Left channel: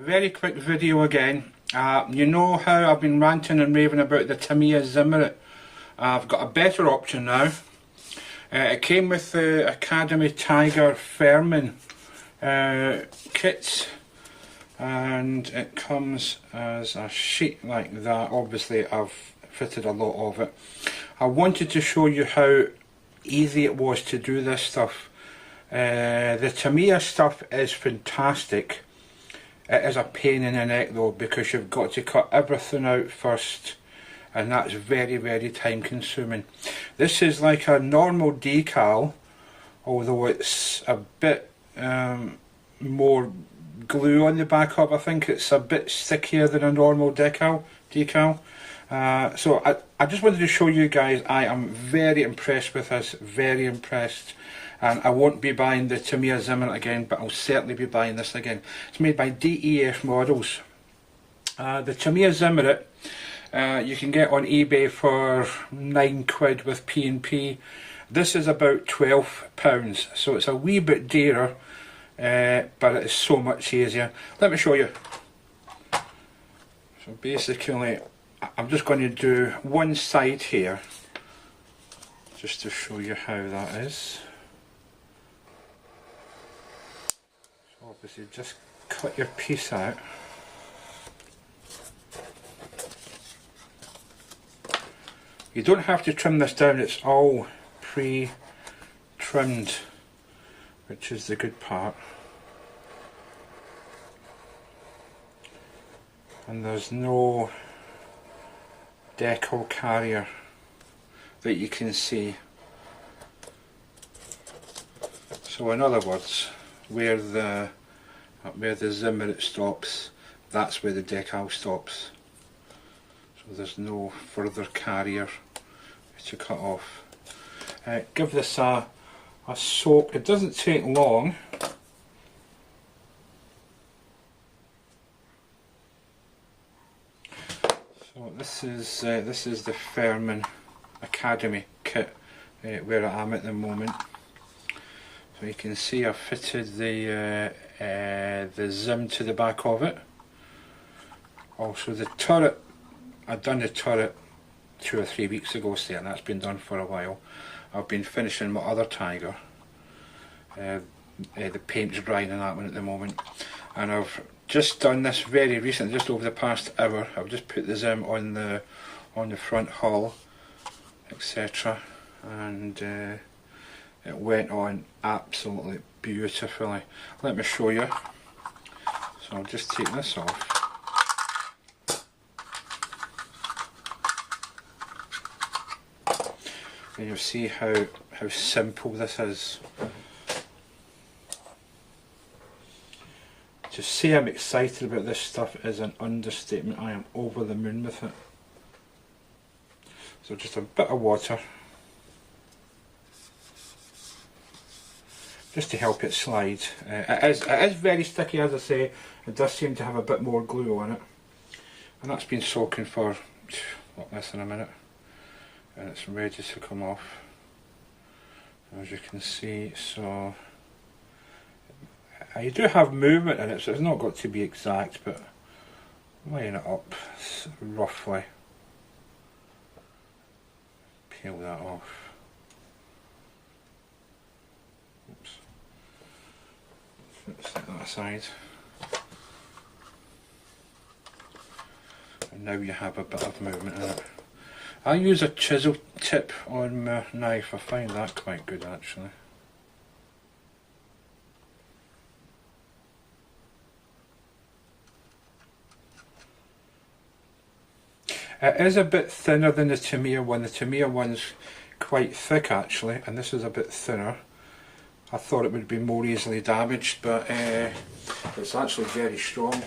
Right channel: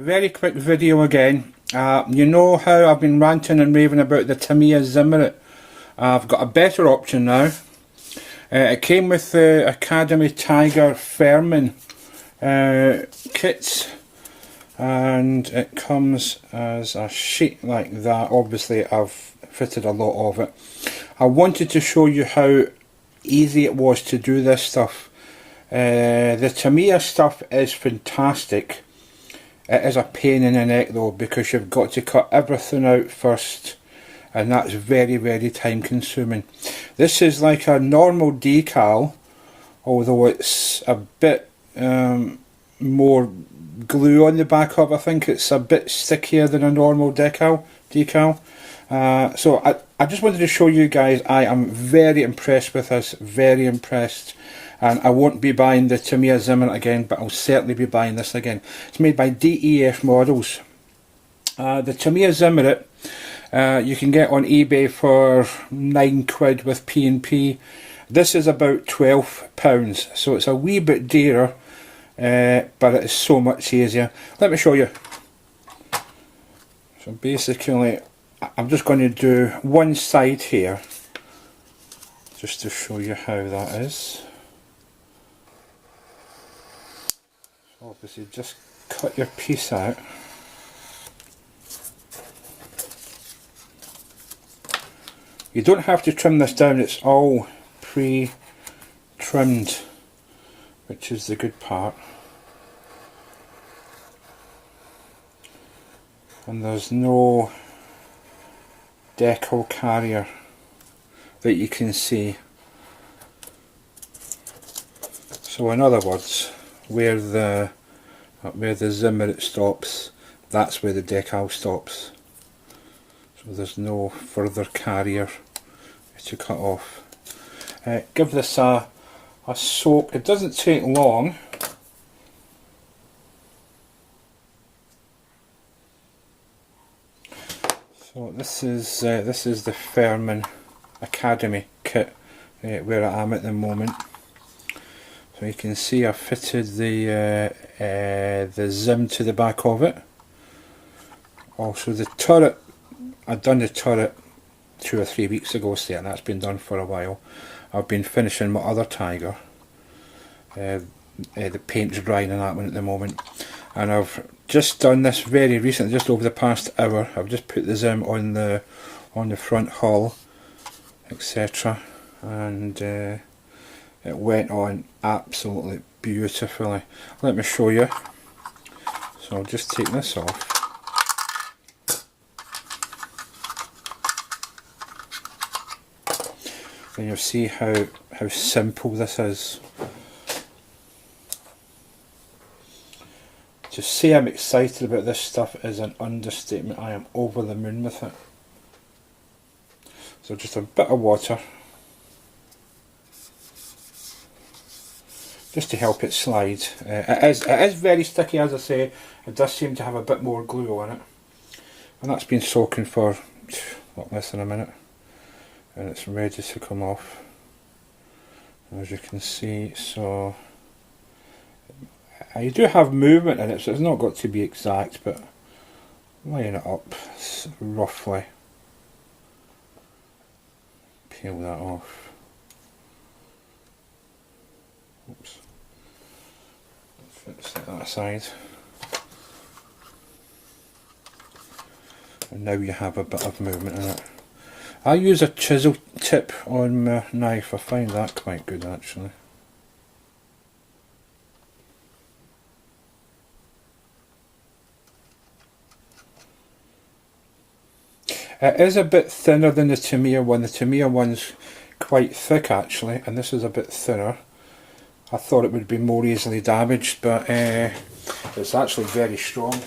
Very quick video again. You know how I've been ranting and raving about the Tamiya Zimmerit. I've got a better option now. It came with the Academy Tiger Fairman kits, and it comes as a sheet like that. Obviously I've fitted a lot of it. I wanted to show you how easy it was to do this stuff. The Tamiya stuff is fantastic. It is a pain in the neck though, because you've got to cut everything out first, and that's very, very time consuming. This is like a normal decal, although it's a bit more glue on the back of. I think it's a bit stickier than a normal decal. So I just wanted to show you guys. I am very impressed with this, very impressed. And I won't be buying the Tamiya Zimmerit again, but I'll certainly be buying this again. It's made by DEF Models. The Tamiya Zimmerit you can get on eBay for £9 with P&P. This is about £12, so it's a wee bit dearer, but it is so much easier. Let me show you. So basically, I'm just going to do one side here, just to show you how that is. Obviously just cut your piece out. You don't have to trim this down, it's all pre-trimmed, which is the good part. And there's no decal carrier that you can see. So in other words, where the Zimmerit stops, that's where the decal stops. So there's no further carrier to cut off. Give this a soak. It doesn't take long. So this is the Fairman Academy kit where I am at the moment. So you can see I've fitted the Zim to the back of it. Also the turret, I've done the turret 2 or 3 weeks ago, so yeah, that's been done for a while. I've been finishing my other Tiger. The paint's drying on that one at the moment. And I've just done this very recently, just over the past hour. I've just put the Zim on the front hull, etc. And it went on absolutely beautifully. Let me show you. So I'll just take this off. And you'll see how simple this is. To say I'm excited about this stuff is an understatement. I am over the moon with it. So just a bit of water, just to help it slide. It is very sticky, as I say. It does seem to have a bit more glue on it, and that's been soaking for what, less than a minute, and it's ready to come off, as you can see. So you do have movement in it, so it's not got to be exact, but laying it up roughly, peel that off. Oops. Set that aside. And now you have a bit of movement in it. I use a chisel tip on my knife. I find that quite good actually. It is a bit thinner than the Tamiya one. The Tamiya one's quite thick actually, and this is a bit thinner. I thought it would be more easily damaged, but it's actually very strong.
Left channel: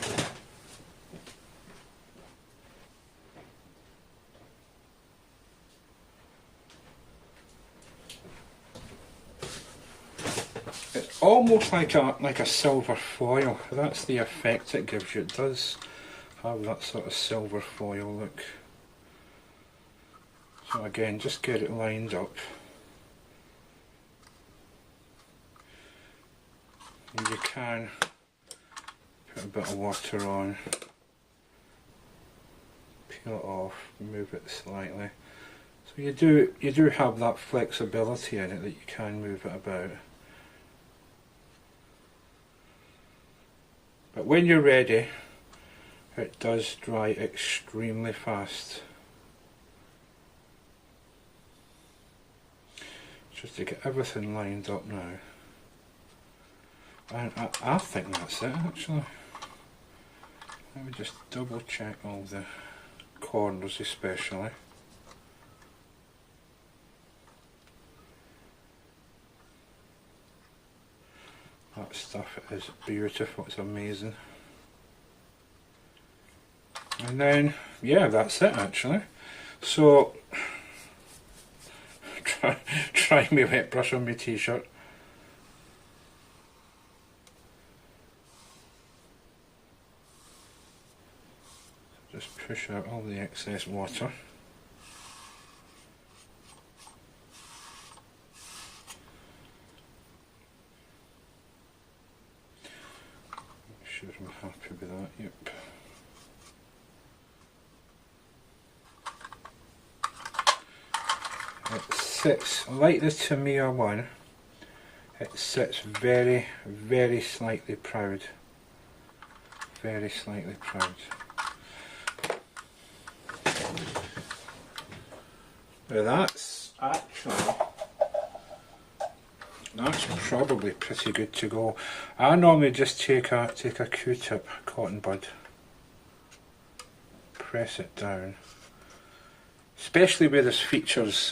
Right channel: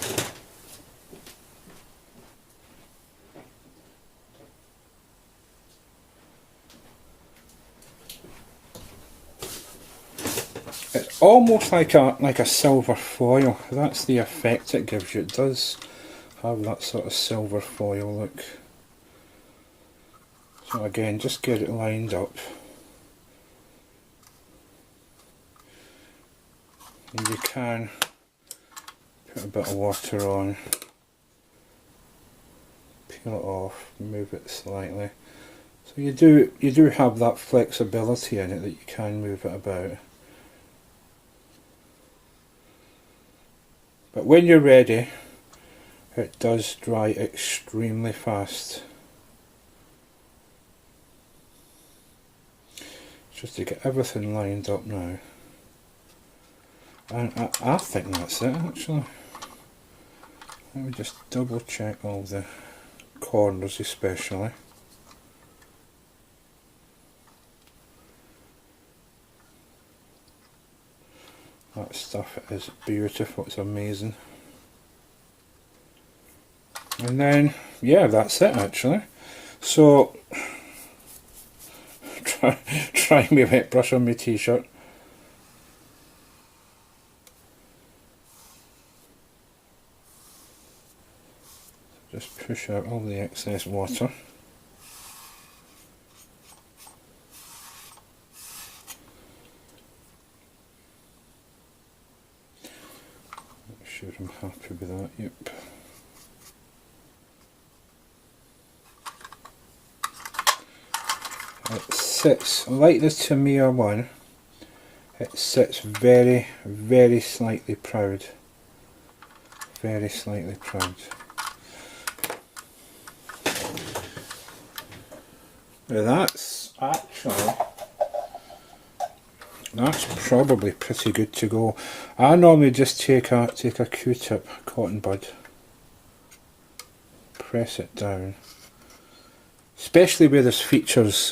It's almost like a silver foil. That's the effect it gives you. It does have that sort of silver foil look. So again, just get it lined up. And you can Put a bit of water on, peel it off, move it slightly. So you do have that flexibility in it that you can move it about. But when you're ready, it does dry extremely fast. Just to get everything lined up now. And I think that's it actually. Let me just double check all the corners especially. That stuff is beautiful, it's amazing. And then, yeah, that's it actually. So, try me wet brush on my t-shirt. Just push out all the excess water. Make sure I'm happy with that, yep. It sits, like the Tamiya one, it sits very, very slightly proud. Very slightly proud. Now that's probably pretty good to go. I normally just take a Q-tip, cotton bud, press it down. Especially where there's features,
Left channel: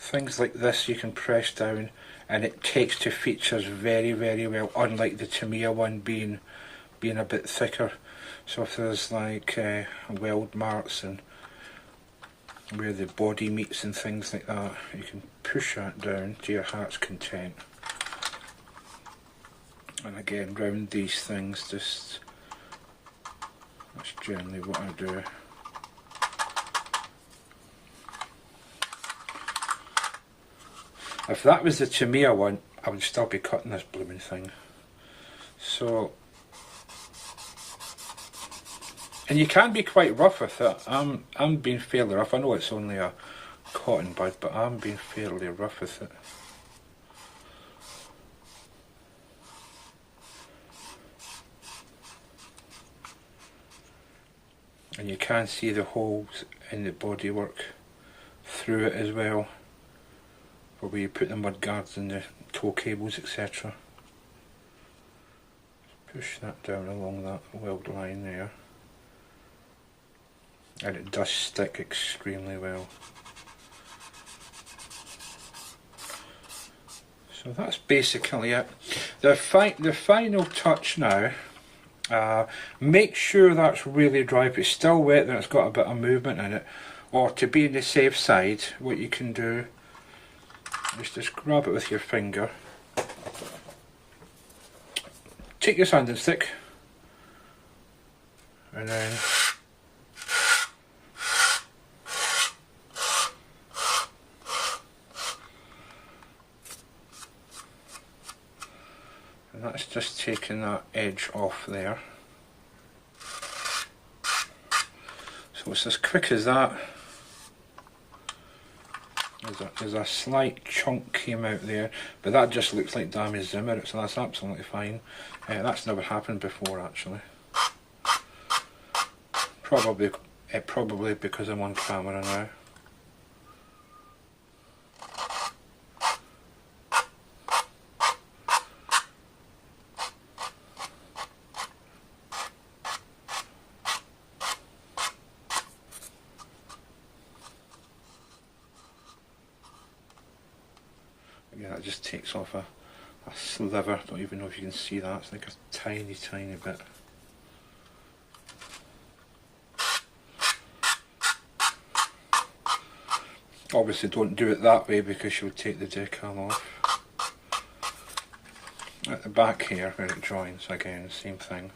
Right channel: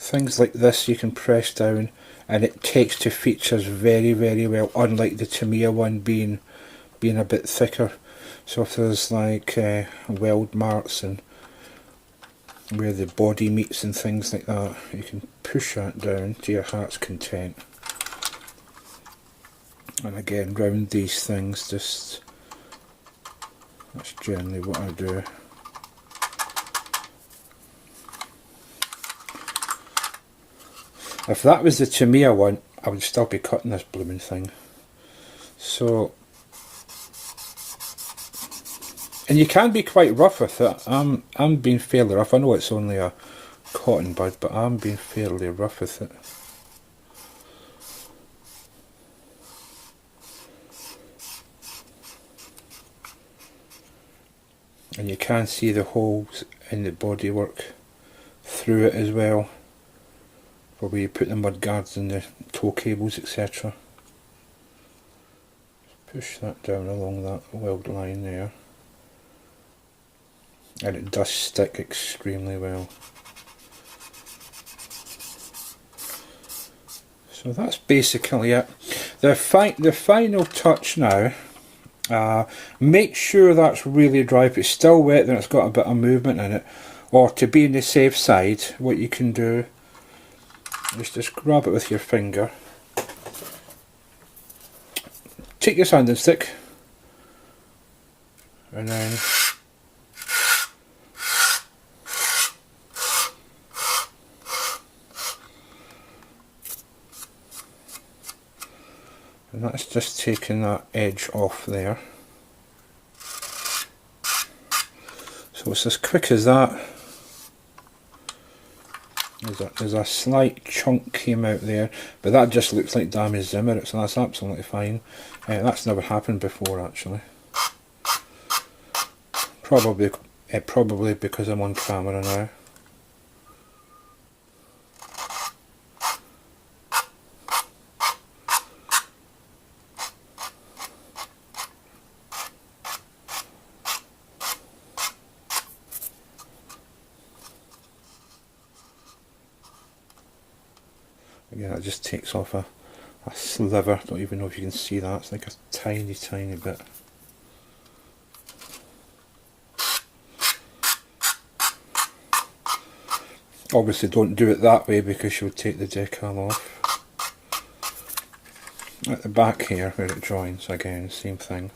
things like this you can press down and it takes to features very, very well, unlike the Tamiya one being a bit thicker. So if there's like weld marks and where the body meets and things like that, you can push that down to your heart's content. And again, round these things, that's generally what I do. If that was the Tamiya one, I would still be cutting this blooming thing. So, and you can be quite rough with it. I'm being fairly rough. I know it's only a cotton bud, but I'm being fairly rough with it. And you can see the holes in the bodywork through it as well, for where you put the mud guards and the tow cables, etc. Push that down along that weld line there, and it does stick extremely well. So that's basically it. The final touch now, make sure that's really dry. If it's still wet, then it's got a bit of movement in it. Or to be on the safe side, what you can do is just grab it with your finger, take your sanding stick, and then that's just taking that edge off there. So it's as quick as that. There's a slight chunk came out there, but that just looks like damaged Zimmerit, so that's absolutely fine. That's never happened before actually. Probably because I'm on camera now. Again, it just takes off a sliver. Don't even know if you can see that. It's like a tiny, tiny bit. Obviously don't do it that way because you'll take the decal off. At the back here where it joins, again, same thing.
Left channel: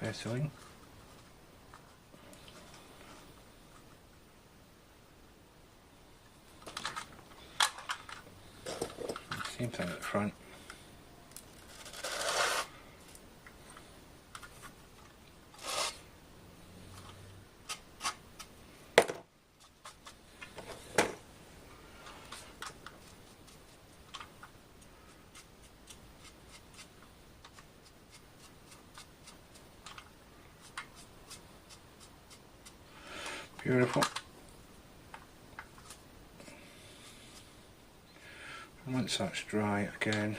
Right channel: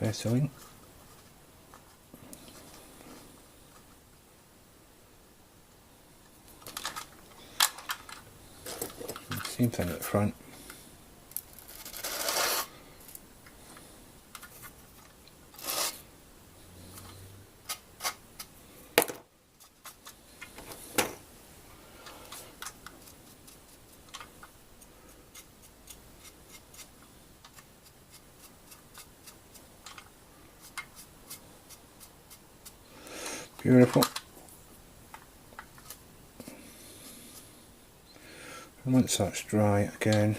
Vaseline. Same thing at the front. Beautiful. And once that's dry again,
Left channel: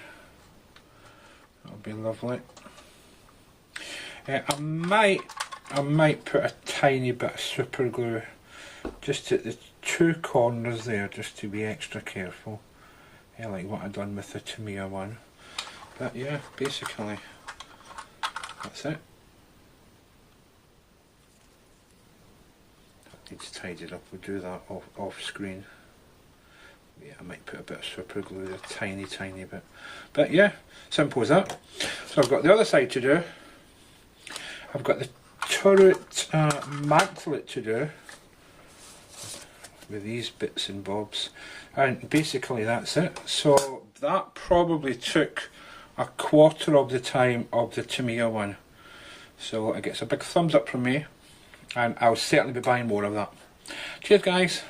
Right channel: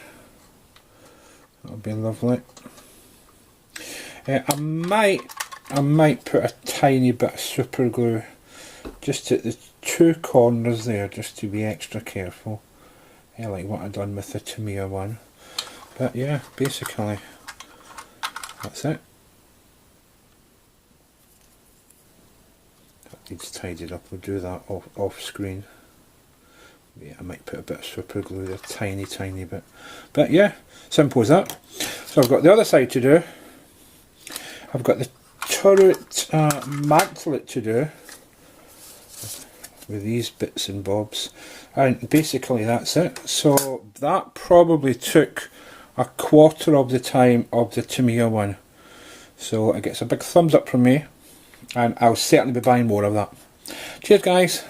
that'll be lovely. I might put a tiny bit of super glue just at the two corners there, just to be extra careful. Like what I've done with the Tamiya one. But yeah, basically that's it. That needs tidied up. We'll do that off screen. Yeah, I might put a bit of super glue, a tiny bit. But yeah, simple as that. So I've got the other side to do. I've got the turret mantlet to do with these bits and bobs, and basically that's it. So that probably took a quarter of the time of the Tamiya one. So it gets a big thumbs up from me, and I'll certainly be buying more of that. Cheers guys.